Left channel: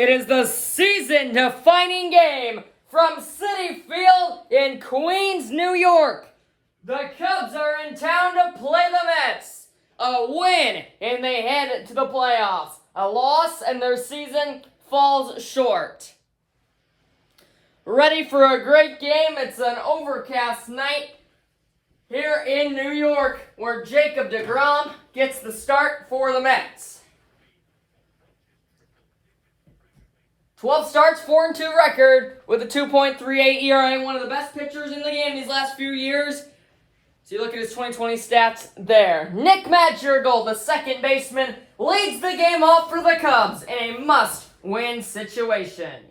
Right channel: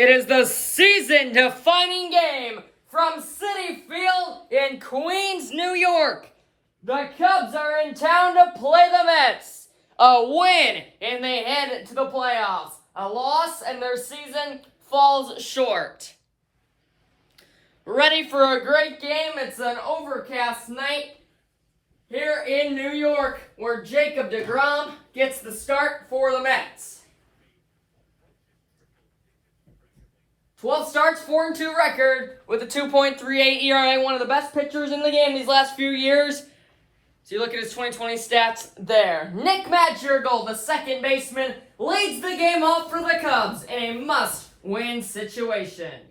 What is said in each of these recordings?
It is the season-defining game from Citi Field in Queens, New York. The Cubs are in town to play the Mets. A win, and they head to the playoffs. A loss, and their season falls short. Ready for a great game? It's an overcast night here in New York, where Jacob deGrom gets the start for the Mets. 12 starts, 4-2 record with a 2.38 ERA, one of the best pitchers in the game these last few years. So you look at his 2020 stats there. Nick Madrigal, the second baseman, leads the game off for the Cubs in a must-win situation.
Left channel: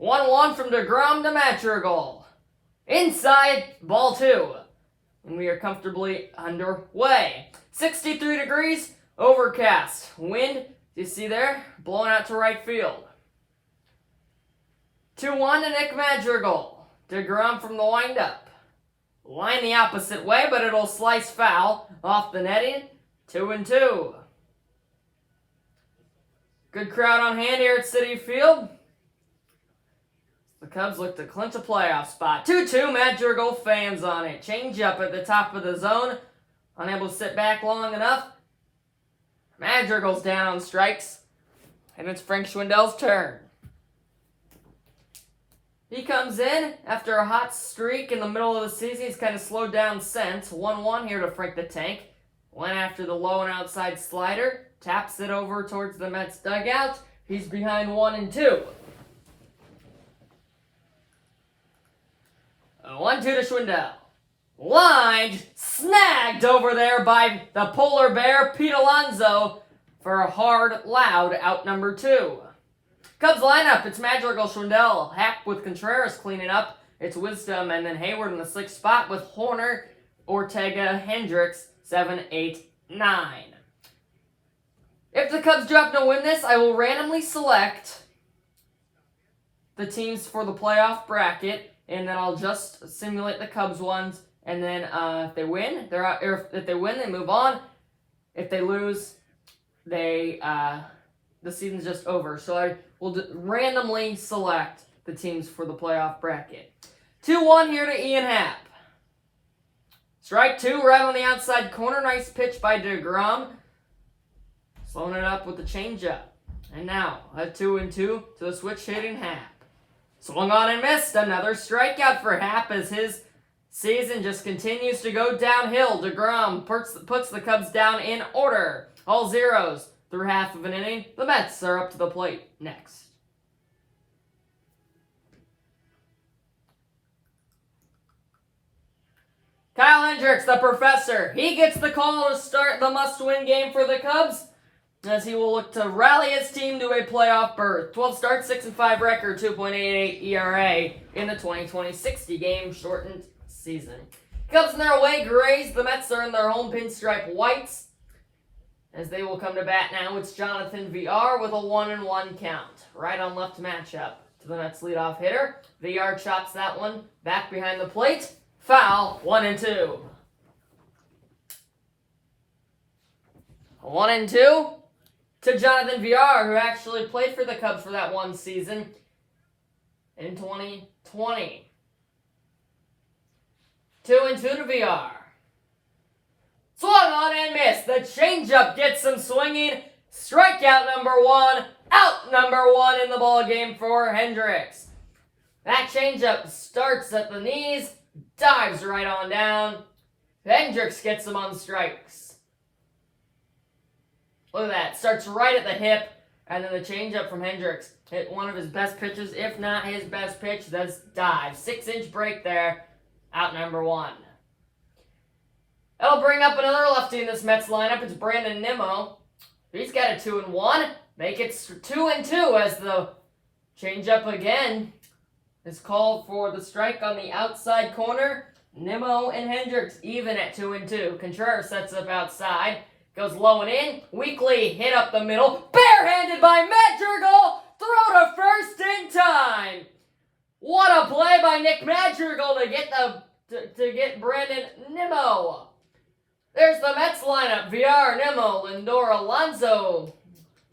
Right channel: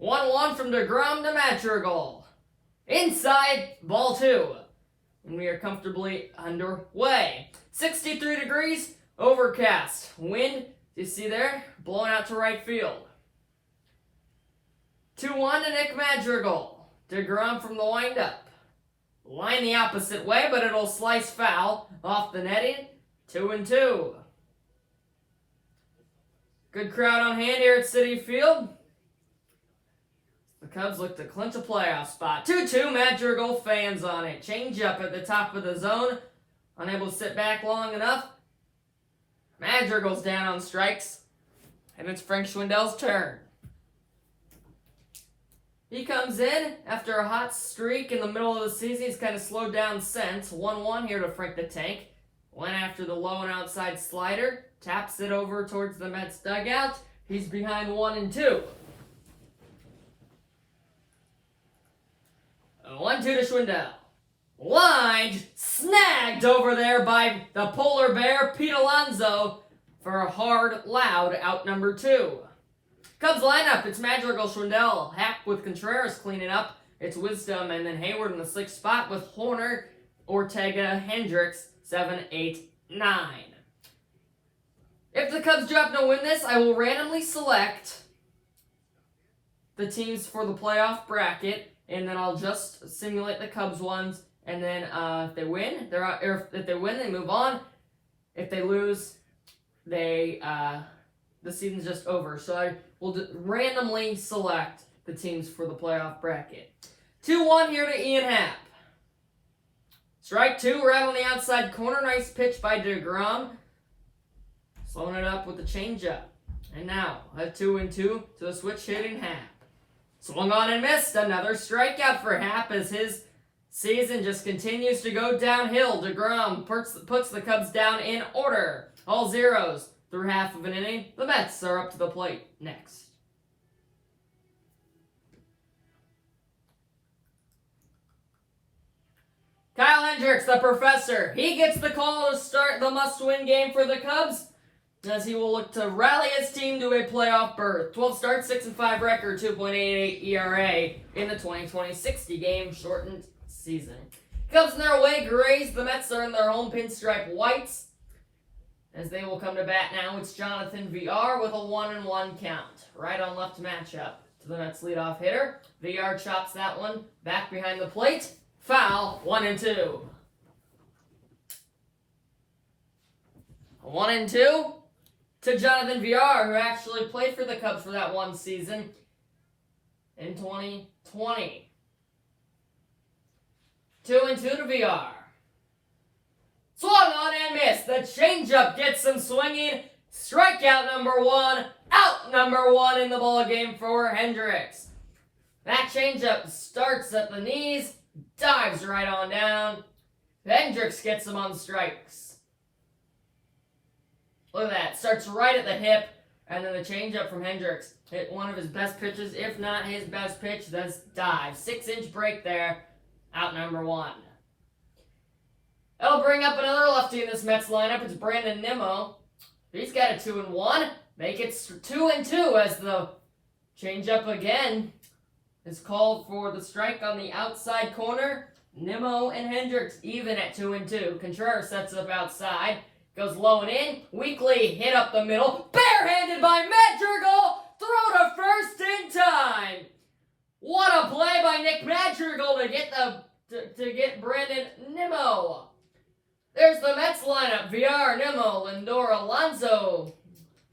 1-1 from deGrom to Madrigal. Inside, ball 2. And we are comfortably underway. 63 degrees, overcast. Wind, you see there, blowing out to right field. 2-1 to Nick Madrigal. deGrom from the windup. Line the opposite way, but it'll slice foul off the netting. 2-2. Good crowd on hand here at Citi Field. The Cubs look to clinch a playoff spot. 2-2, Madrigal fans on it. Change up at the top of the zone. Unable to sit back long enough. Madrigal's down on strikes. And it's Frank Schwindel's turn. He comes in after a hot streak in the middle of the season. He's kind of slowed down since. 1-1 here to Frank the Tank. Went after the low and outside slider. Taps it over towards the Mets dugout. He's behind 1-2. 1-2 to Schwindel. Lined, snagged over there by the polar bear, Pete Alonso, for a hard, loud out number 2. Cubs lineup, it's Madrigal, Schwindel, Happ with Contreras cleaning up. It's Wisdom, and then Hayward in the 6th spot with Horner, Ortega, Hendricks, 7, 8, 9. If the Cubs do happen to win this, I will randomly select the teams for the playoff bracket, and then I'll just simulate the Cubs ones, and then if they win, they're out. Or if they win, they move on. If they lose, the season's just over. So I will randomly select the teams for the playoff bracket. 2-1 here to Ian Happ. Strike 2 right on the outside corner. Nice pitch by deGrom. Slowing it up with the changeup. And now a 2-2 to the switch hitting Happ. Swung on and missed. Another strikeout for Happ as his season just continues to go downhill. deGrom puts the Cubs down in order. All zeros through half of an inning. The Mets are up to the plate next. Kyle Hendricks, the professor. He gets the call to start the must-win game for the Cubs, as he will look to rally his team to a playoff berth. 12 starts, 6-5 record, 2.88 ERA in the 2020-60 game shortened season. Cubs in their away grays. The Mets are in their home pinstripe whites, as they will come to bat now. It's Jonathan VR with a 1-1 count. Right on left matchup to the Mets leadoff hitter. VR chops that one back behind the plate. Foul, 1-2. 1-2 to Jonathan VR, who actually played for the Cubs for that one season in 2020. 2-2 to VR. Swung on and missed. The changeup gets some swinging. Strikeout number 1. Out number 1 in the ballgame for Hendricks. That changeup starts at the knees. Dives right on down. Hendricks gets him on strikes. Look at that. Starts right at the hip. And then the changeup from Hendricks hit one of his best pitches, if not his best pitch. That's dive. 6-inch break there. Out number 1. That'll bring up another lefty in this Mets lineup. It's Brandon Nimmo. He's got a 2-1. Make it 2-2 as the changeup again is called for the strike on the outside corner. Nimmo and Hendricks even at 2-2. Contreras sets up outside. Goes low and in. Weakly hit up the middle. Barehanded by Madrigal. Throw to first in time. What a play by Nick Madrigal to get Brandon Nimmo. There's the Mets lineup. VR, Nimmo, Lindor, Alonso.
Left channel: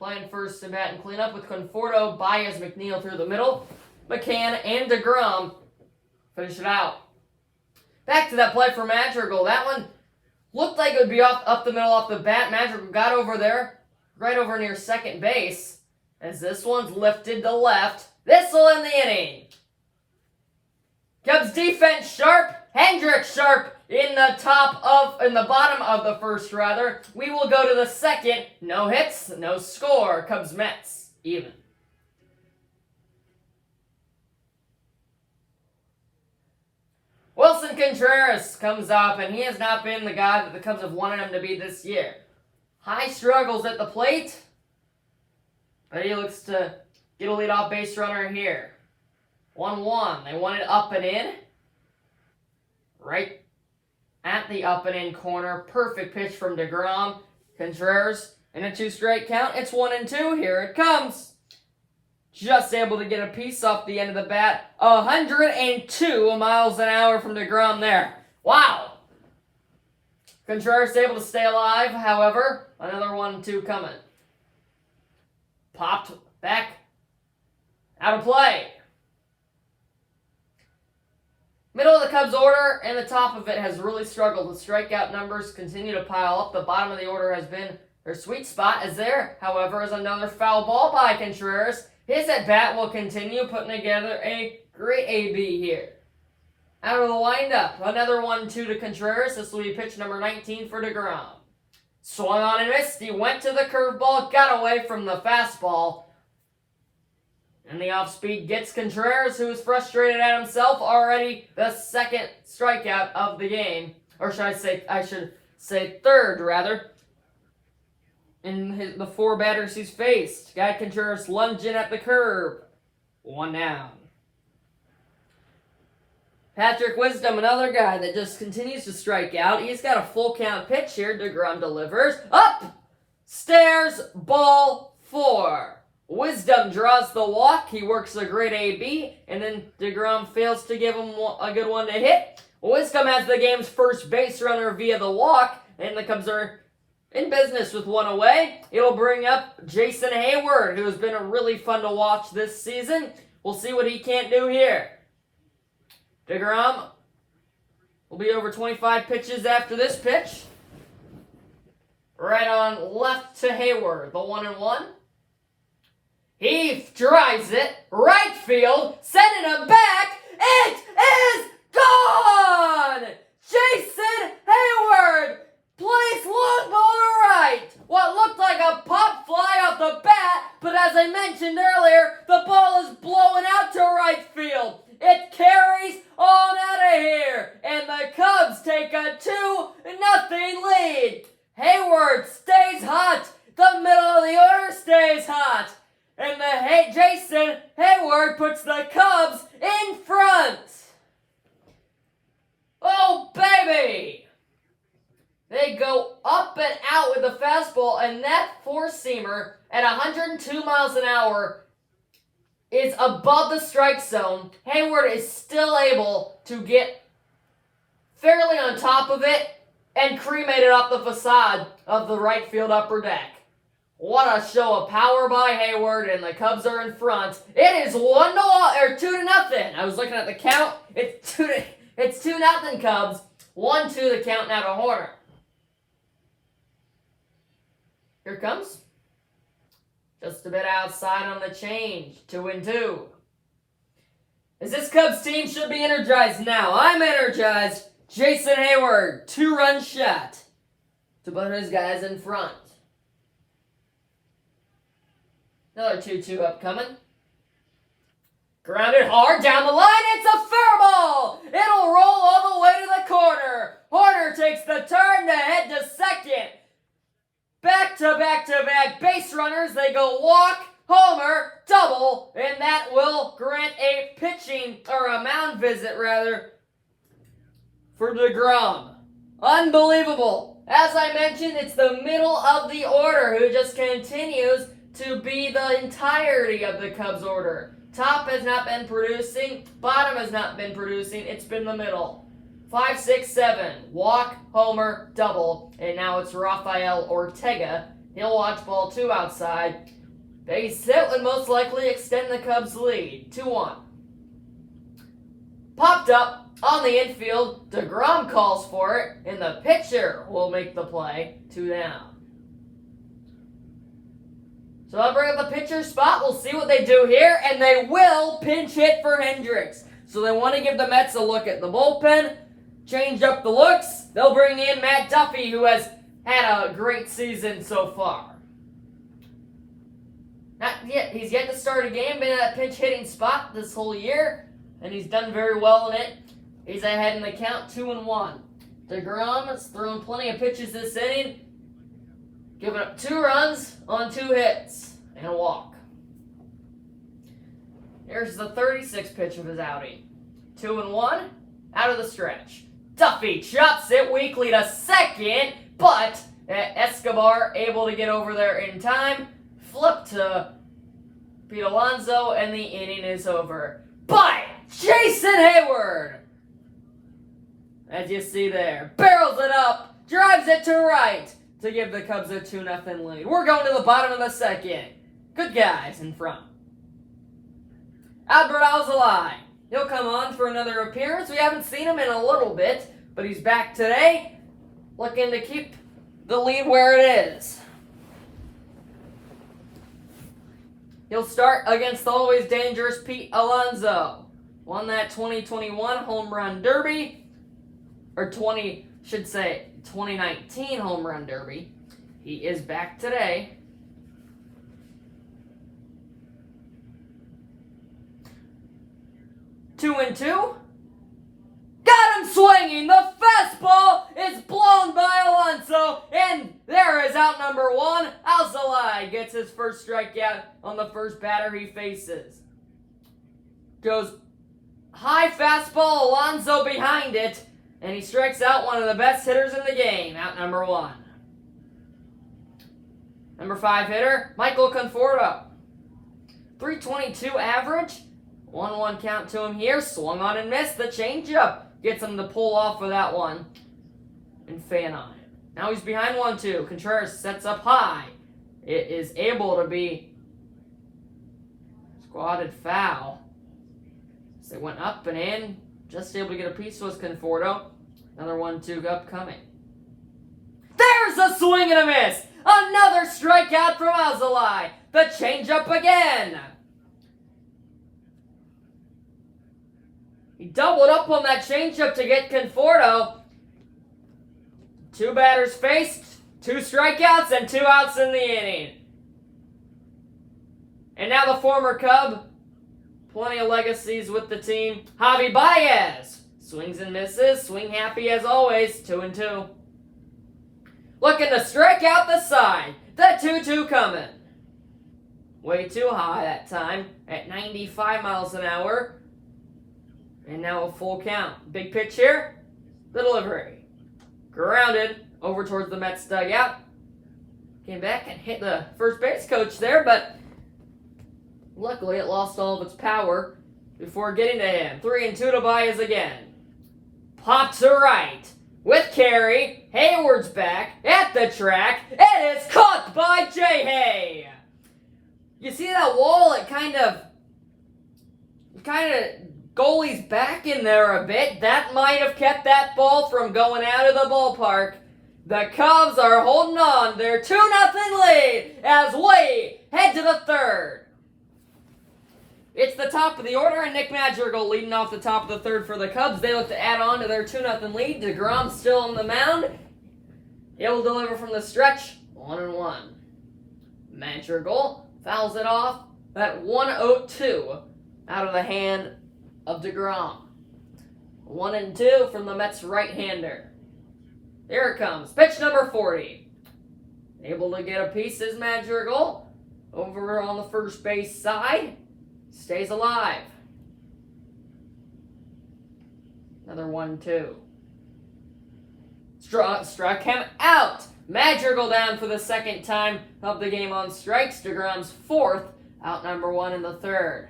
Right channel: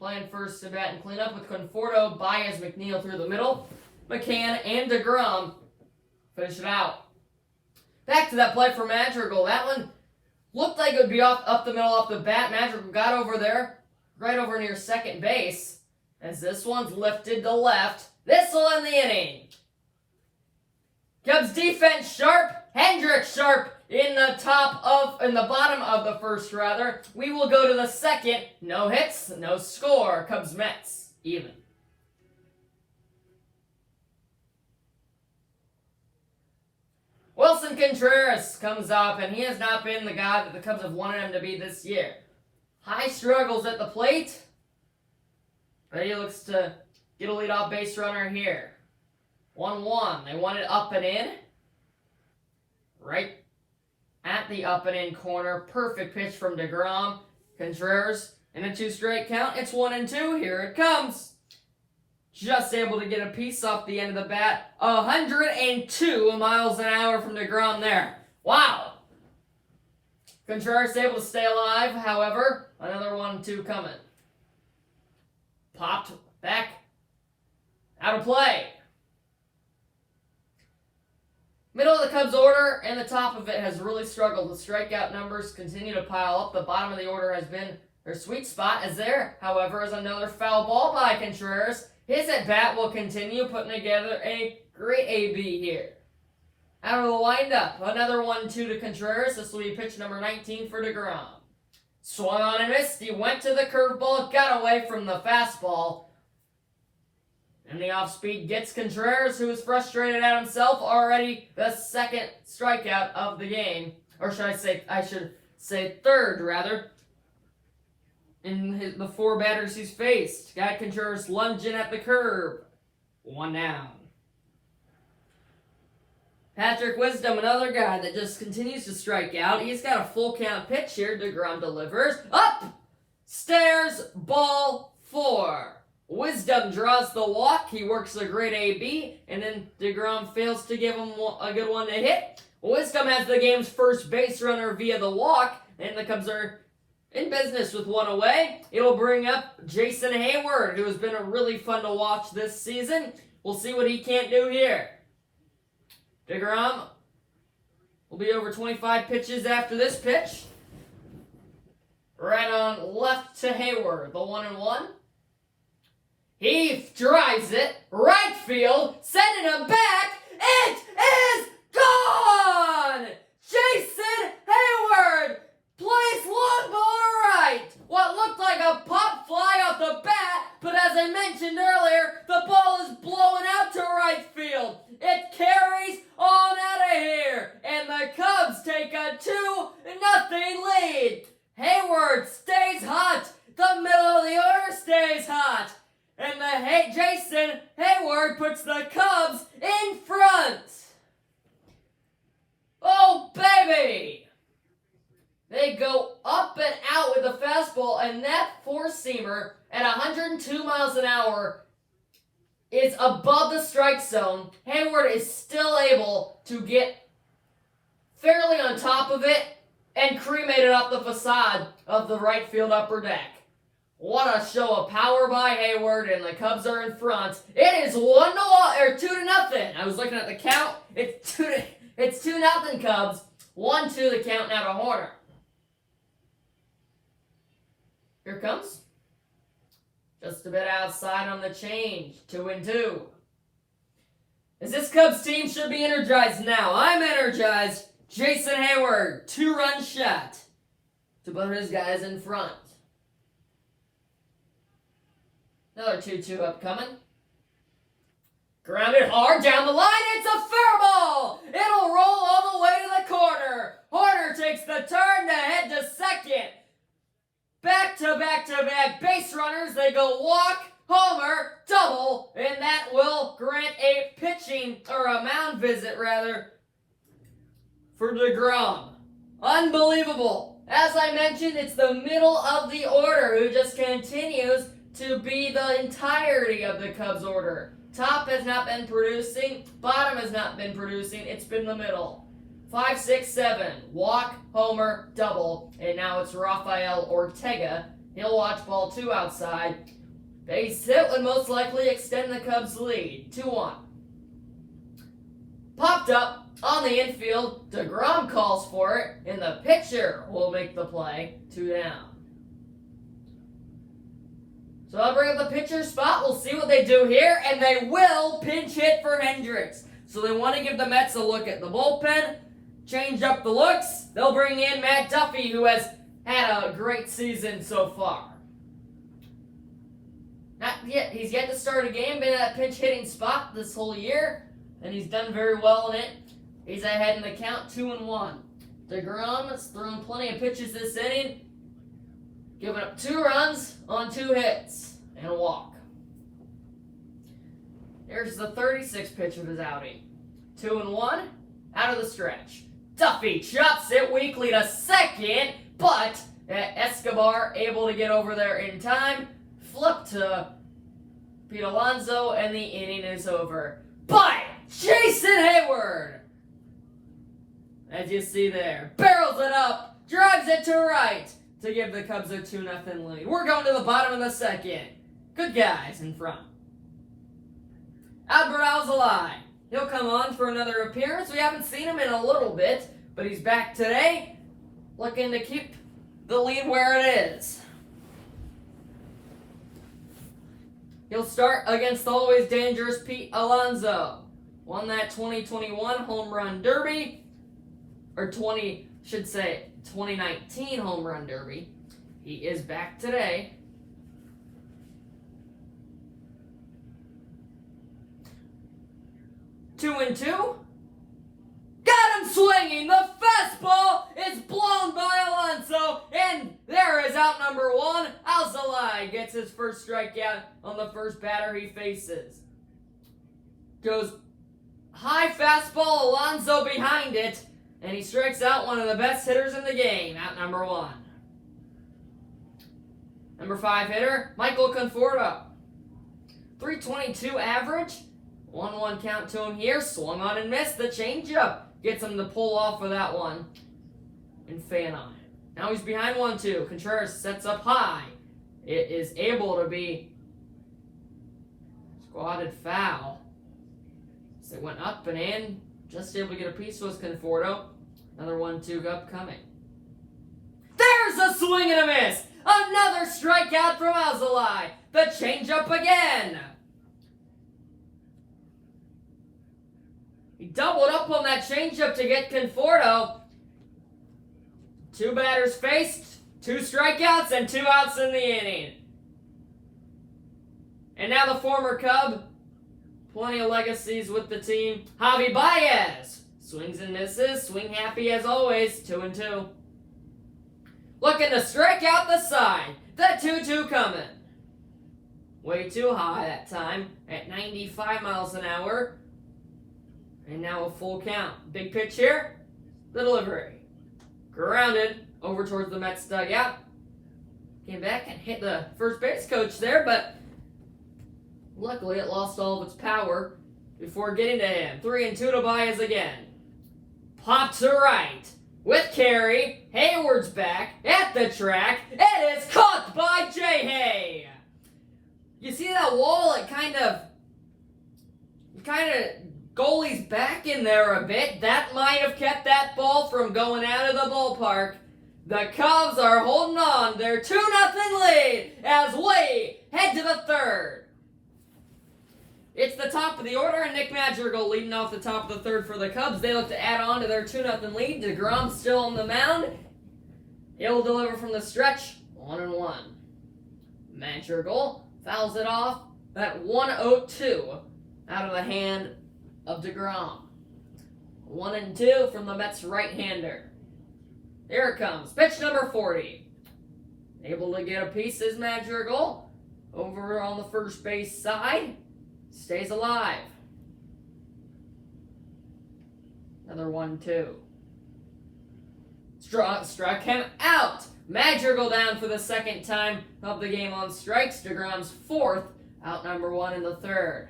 playing first to bat and clean up with Conforto, Baez, McNeil through the middle. McCann and DeGrom finish it out. Back to that play for Madrigal. That one looked like it would be up the middle off the bat. Madrigal got over there, right over near second base. As this one's lifted to left. This will end the inning. Cubs defense sharp. Hendricks sharp in the bottom of the first rather. We will go to the second. No hits, no score. Cubs Mets even. Wilson Contreras comes up, and he has not been the guy that the Cubs have wanted him to be this year. High struggles at the plate, but he looks to get a leadoff base runner here. 1-1. They want it up and in. Right at the up and in corner. Perfect pitch from DeGrom. Contreras in a 2-strike count. It's 1-2. Here it comes. Just able to get a piece off the end of the bat. 102 miles an hour from DeGrom there. Wow. Contreras able to stay alive, however. Another 1-2 coming. Popped back. Out of play. Middle of the Cubs order and the top of it has really struggled. The strikeout numbers continue to pile up. The bottom of the order has been their sweet spot. As there, however, is another foul ball by Contreras. His at-bat will continue, putting together a great AB here. Out of the windup, another 1-2 to Contreras. This will be pitch number 19 for DeGrom. Swung on and missed. He went to the curveball, got away from the fastball. And the off-speed gets Contreras, who is frustrated at himself. Already the second strikeout of the game. Or I should say third, rather. In the 4 batters he's faced. Got Contreras lunging at the curb. 1 down. Patrick Wisdom, another guy that just continues to strike out. He's got a full count pitch here. DeGrom delivers. Up! Stairs, ball 4. Wisdom draws the walk. He works a great AB. And then DeGrom fails to give him a good one to hit. Wisdom has the game's first base runner via the walk. And the Cubs are in business with 1 away. It'll bring up Jason Hayward, who has been really fun to watch this season. We'll see what he can't do here. DeGrom will be over 25 pitches after this pitch. Right on left to Hayward, the 1-1. He drives it, right field, sending him back. It is gone! Jason Hayward plays long ball to right. What looked like a pop fly off the bat, but as I mentioned earlier, the ball is blowing out to right field. It carries on out of here, and the Cubs take a 2-0 lead. Hayward stays hot. The middle of the order stays hot. And Jason Hayward puts the Cubs in front. Oh, baby! They go up and out with the fastball, and that 4-seamer at 102 miles an hour is above the strike zone. Hayward is still able to get fairly on top of it and cremate it up the facade of the right field upper deck. What a show of power by Hayward, and the Cubs are in front. It is 2-0. I was looking at the count. It's 2-0 Cubs. 1-2 the count now to Horner. Here it comes. Just a bit outside on the change. 2-2. As this Cubs team should be energized now. I'm energized. Jason Hayward, 2-run shot to put his guys in front. Another 2-2 upcoming. Grounded hard down the line. It's a fair ball. It'll roll all the way to the corner. Horner takes the turn to head to second. Back-to-back base runners. They go walk, homer, double, and that will grant a mound visit for DeGrom. Unbelievable. As I mentioned, it's the middle of the order who just continues to be the entirety of the Cubs order. Top has not been producing. Bottom has not been producing. It's been the middle. 5, 6, 7. Walk, homer, double. And now it's Rafael Ortega He'll watch ball 2 outside. Base hit would most likely extend the Cubs' lead, 2-1. Popped up on the infield, DeGrom calls for it, and the pitcher will make the play, 2 down. So I'll bring up the pitcher spot. We'll see what they do here, and they will pinch hit for Hendricks. So they want to give the Mets a look at the bullpen, change up the looks. They'll bring in Matt Duffy, who has had a great season so far. Not yet. He's yet to start a game, been in that pinch hitting spot this whole year, and he's done very well in it. He's ahead in the count, 2-1. DeGrom has thrown plenty of pitches this inning, giving up 2 runs on 2 hits and a walk. Here's the 36th pitch of his outing. 2-1, out of the stretch. Duffy chops it weakly to second, but Escobar able to get over there in time. Flip to Pete Alonso, and the inning is over. But Jason Hayward, as you see there, barrels it up, drives it to right to give the Cubs a 2-0 lead. We're going to the bottom of the second. Good guys in front. Albert Alzolay. He'll come on for another appearance. We haven't seen him in a little bit, but he's back today, looking to keep the lead where it is. He'll start against the always dangerous Pete Alonso. Won that 2021 Home Run Derby, or 2019 Home Run Derby. He is back today. Two and two. Got him swinging. The fastball is blown by Alonso, and there is out number 1. Alzolay gets his first strikeout on the first batter he faces. Goes high fastball, Alonso behind it, and he strikes out one of the best hitters in the game, out number 1. Number 5 hitter, Michael Conforto. 322 average. 1-1 count to him here. Swung on and missed the changeup. Gets him to pull off of that one and fan on it. Now he's behind 1-2. Contreras sets up high. It is able to be squatted foul. So they went up and in. Just able to get a piece was Conforto. Another 1-2 upcoming. There's a swing and a miss. Another strikeout from Alzolay. The changeup again. He doubled up on that changeup to get Conforto. 2 batters faced, 2 strikeouts, and 2 outs in the inning. And now the former Cub, plenty of legacies with the team, Javi Baez. Swings and misses, swing happy as always, 2-2. Looking to strike out the side. The 2-2 coming. Way too high that time at 95 miles an hour. And now a full count. Big pitch here. The delivery. Grounded over towards the Mets dugout. Came back and hit the first base coach there, but luckily it lost all of its power before getting to him. 3-2 to Baez again. Pop to right. With carry. Hayward's back at the track. It is caught by J-Hay. You see that wall? It kind of goalie's back in there a bit. That might have kept that ball from going out of the ballpark. The Cubs are holding on their 2-0 lead as we head to the third. It's the top of the order, and Nick Madrigal leading off the top of the third for the Cubs. They look to add on to their 2-0 lead. DeGrom still on the mound. He'll deliver from the stretch. 1-1. Madrigal fouls it off at 1-0-2 out of the hand of DeGrom. 1-2 from the Mets right-hander. Here it comes. Pitch number 40. Able to get a piece is Madrigal. Over on the first base side. Stays alive. Another 1-2. Struck him out. Madrigal down for the second time of the game on strikes. DeGrom's 4th. Out number 1 in the third.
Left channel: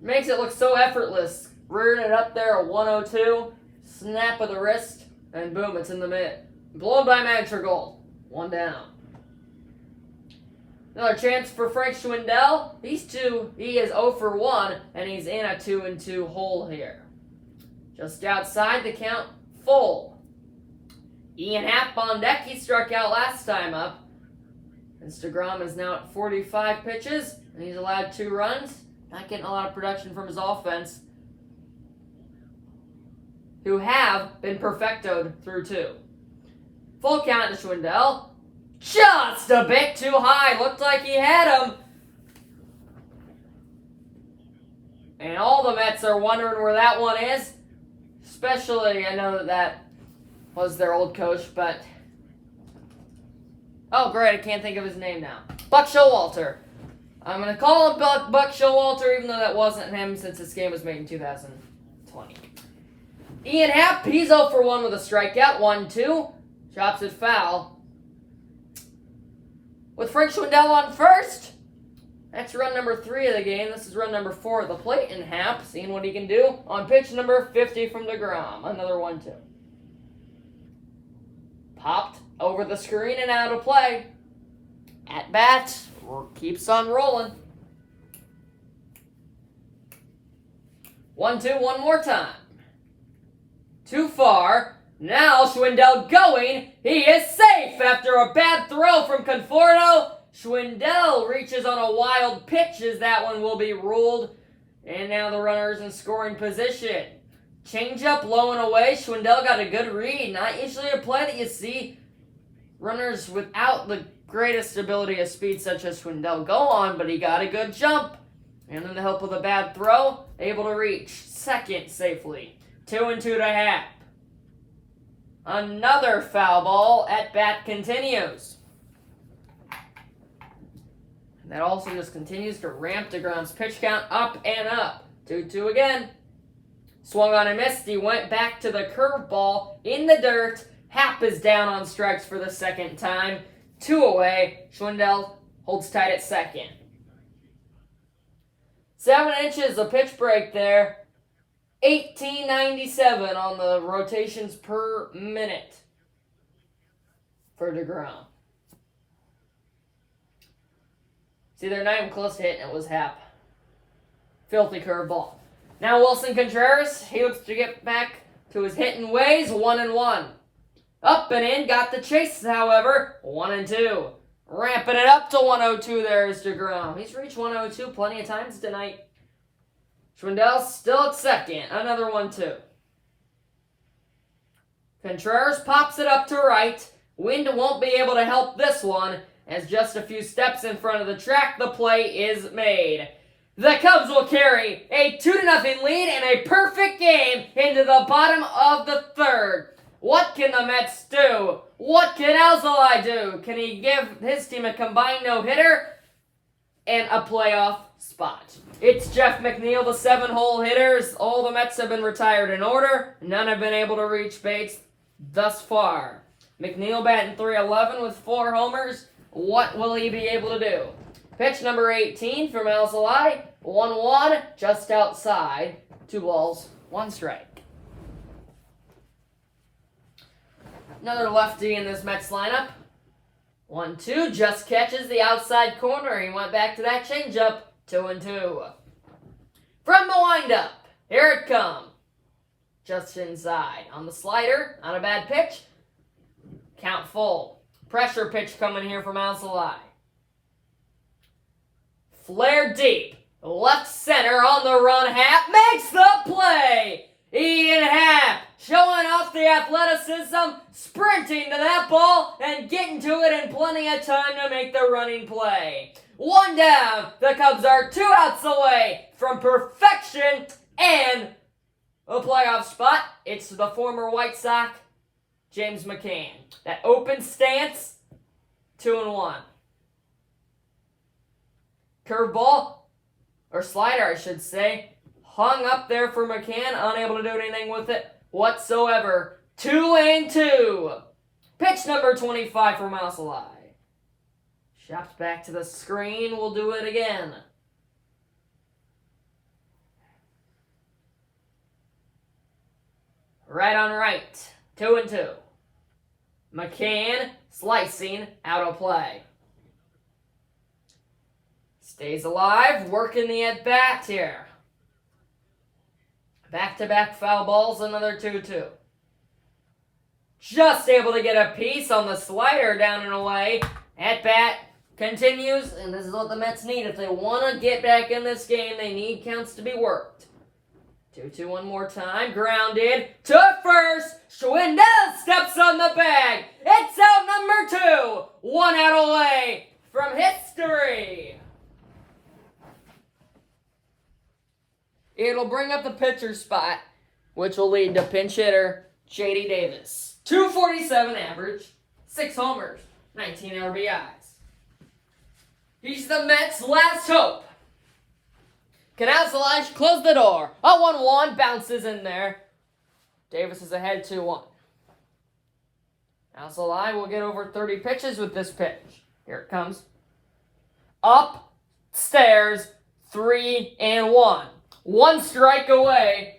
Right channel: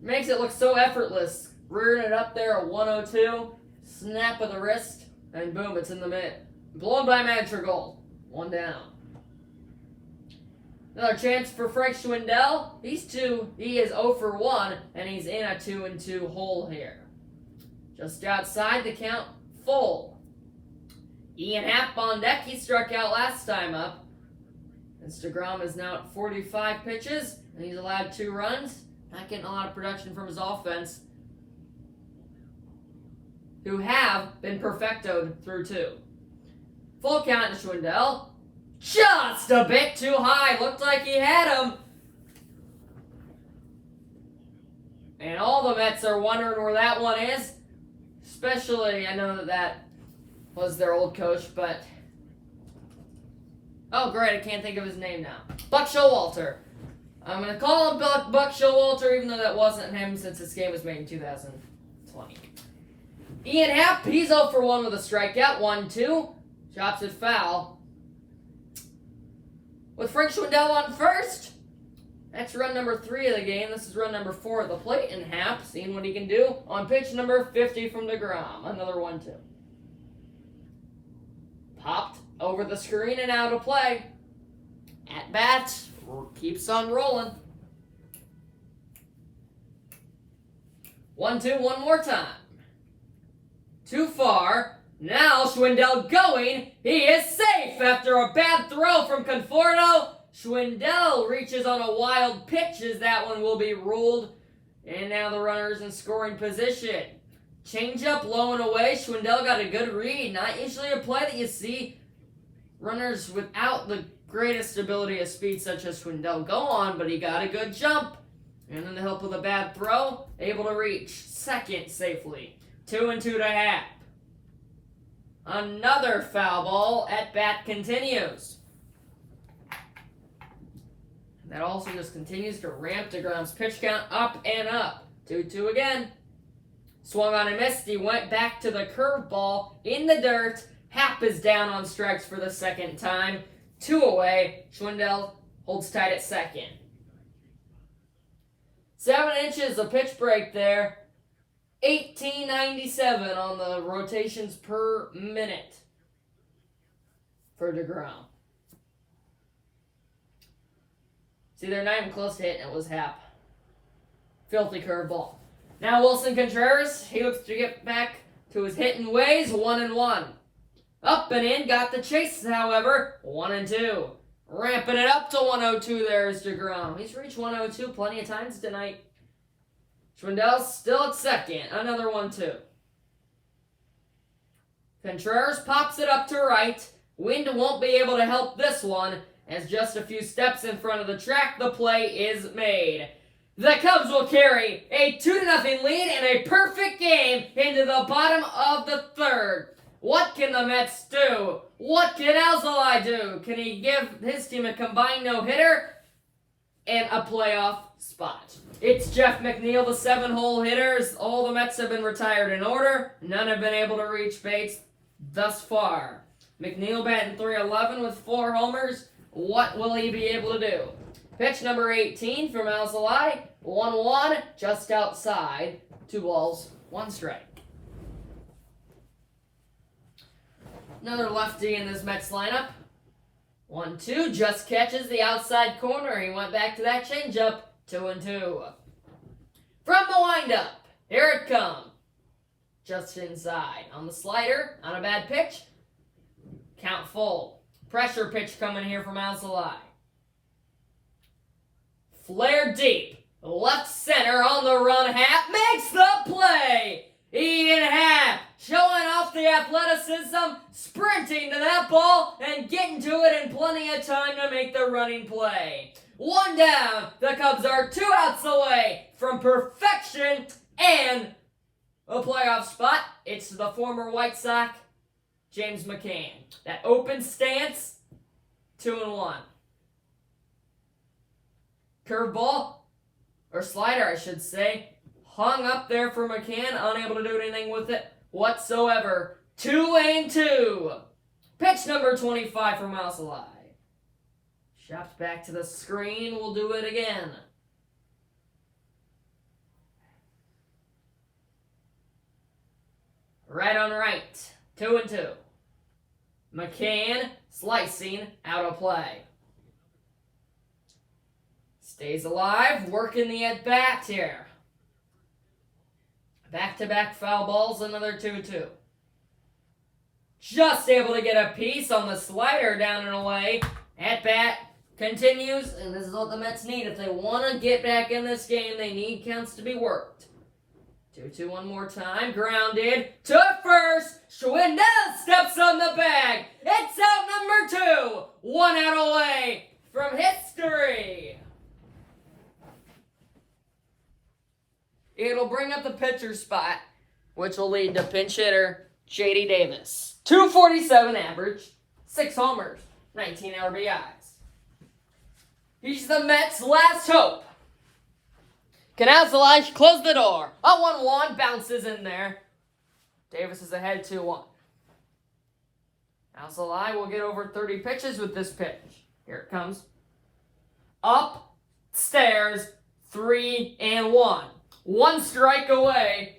Makes it look so effortless. Rearing it up there at 1-0-2. Snap of the wrist. And boom, it's in the Blown by Madrigal. 1 down. Another chance for Frank Schwindel. He is 0 for 1, and he's in a 2-2 hole here. Just outside the count, full. Ian Happ on deck. He struck out last time up. And DeGrom is now at 45 pitches, and he's allowed 2 runs. Not getting a lot of production from his offense, who have been perfectoed through 2. Full count to Schwindel. Just a bit too high. Looked like he had him. And all the Mets are wondering where that one is. Especially, I know that was their old coach, but... Oh, great, I can't think of his name now. Buck Showalter. I'm going to call him Buck Showalter, even though that wasn't him, since this game was made in 2020. Ian Happ, he's 0 for 1 with a strikeout. 1-2. Chops it foul. With Frank Schwindel on first, that's run number 3 of the game. This is run number 4 at the plate, and Happ seeing what he can do on pitch number 50 from DeGrom. Another 1-2. Popped over the screen and out of play. At bat, keeps on rolling. 1-2 one more time. Too far. Now Schwindel going. He is safe after a bad throw from Conforto. Schwindel reaches on a wild pitch as that one will be ruled. And now the runner's in scoring position. Changeup low and away. Schwindel got a good read. Not usually a play that you see runners without the greatest ability of speed such as Schwindel go on, but he got a good jump. And in the help of a bad throw, able to reach second safely. 2-2 to Happ. Another foul ball. At bat continues. That also just continues to ramp DeGrom's pitch count up and up. 2-2 again. Swung on and missed. He went back to the curveball in the dirt. Happ is down on strikes for the second time. 2 away. Schwindel holds tight at second. 7 inches of pitch break there. 1897 on the rotations per minute for DeGrom. See, they're not even close to hitting. It was Happ. Filthy curveball. Now Wilson Contreras, he looks to get back to his hitting ways. 1-1. Up and in, got the chase, however. 1-2. Ramping it up to 102 there is DeGrom. He's reached 102 plenty of times tonight. Schwindel still at second. Another 1-2. Contreras pops it up to right. Wind won't be able to help this one, as just a few steps in front of the track, the play is made. The Cubs will carry a 2-0 lead and a perfect game into the bottom of the third. What can the Mets do? What can Alzolay do? Can he give his team a combined no-hitter and a playoff spot? It's Jeff McNeil, the 7-hole hitters. All the Mets have been retired in order. None have been able to reach Bates thus far. McNeil batting .311 with 4 homers. What will he be able to do? Pitch number 18 from Alzolay. 1-1, just outside. 2 balls, 1 strike. Another lefty in this Mets lineup. 1-2, just catches the outside corner. He went back to that changeup. 2-2. From the windup, here it comes. Just inside. On the slider, on a bad pitch. Count full. Pressure pitch coming here from Alzolay. Flare deep. Left center on the run. Happ makes the play. Ian Happ showing off the athleticism, sprinting to that ball and getting to it in plenty of time to make the running play. 1 down. The Cubs are 2 outs away from perfection and a playoff spot. It's the former White Sox, James McCann. That open stance, 2-1. Curveball, or slider I should say, hung up there for McCann, unable to do anything with it whatsoever. 2-2. Pitch number 25 from Alzolay. Shops back to the screen. We'll do it again. Right on right. 2-2. McCann slicing out of play. Stays alive, working the at-bat here. Back-to-back foul balls, another 2-2. Just able to get a piece on the slider down and away. At-bat continues, and this is what the Mets need. If they want to get back in this game, they need counts to be worked. 2-2 one more time. Grounded to first. Schwindel steps on the bag. It's out number 2. 1 out away from history. It'll bring up the pitcher spot, which will lead to pinch hitter J.D. Davis. 247 average, 6 homers, 19 RBIs. He's the Mets' last hope. Canals close the door. A 1-1 bounces in there. Davis is ahead 2-1. Alzolay will get over 30 pitches with this pitch. Here it comes. Upstairs, 3-1. 1 strike away,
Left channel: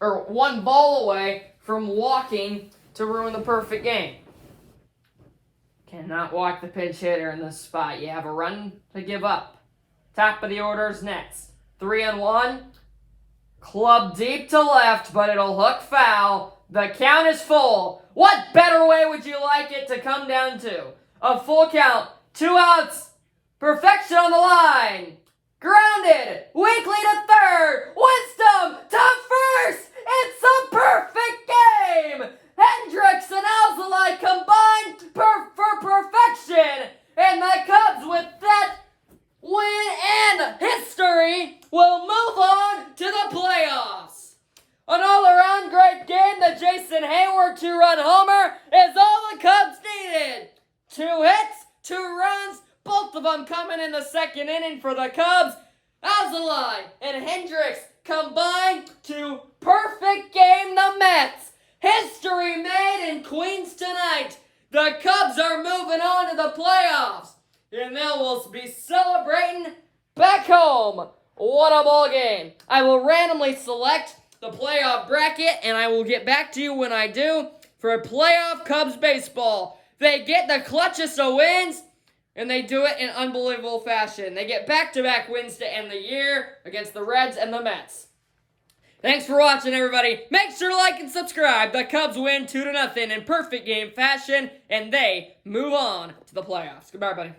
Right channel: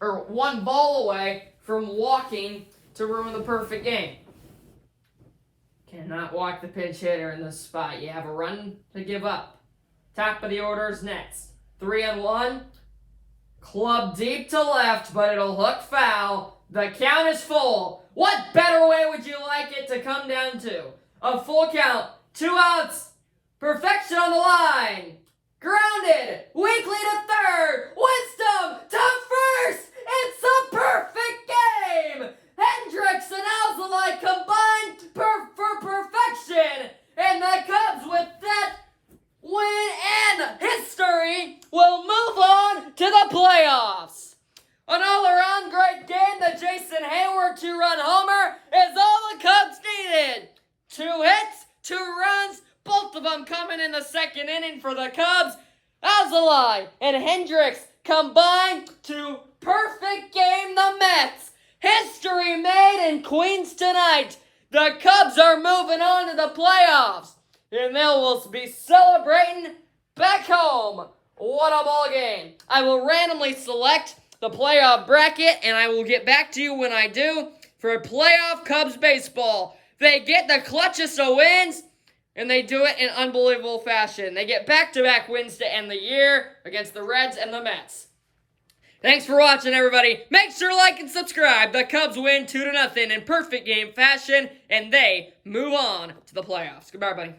or 1 ball away from walking to ruin the perfect game. Cannot walk the pinch hitter in this spot. You have a run to give up. Top of the order's Nets. 3-1. Club deep to left, but it'll hook foul. The count is full. What better way would you like it to come down to? A full count. 2 outs. Perfection on the line. Grounded. Weekly to third. Wisdom to first. It's a perfect game. Hendricks and Alzolay combined for perfection. And the Cubs, with that win and history, will move on to the playoffs. An all-around great game. The Jason Hayward 2-run homer is all the Cubs needed. 2 hits, 2 runs, both of them coming in the second inning for the Cubs. Alzolay and Hendricks combined to perfect game the Mets. History made in Queens tonight. The Cubs are moving on to the playoffs. And they will be celebrating back home. What a ball game. I will randomly select the playoff bracket, and I will get back to you when I do for playoff Cubs baseball. They get the clutchest of wins, and they do it in unbelievable fashion. They get back-to-back wins to end the year against the Reds and the Mets. Thanks for watching, everybody. Make sure to like and subscribe. The Cubs win 2-0 in perfect game fashion, and they move on to the playoffs. Goodbye, everybody.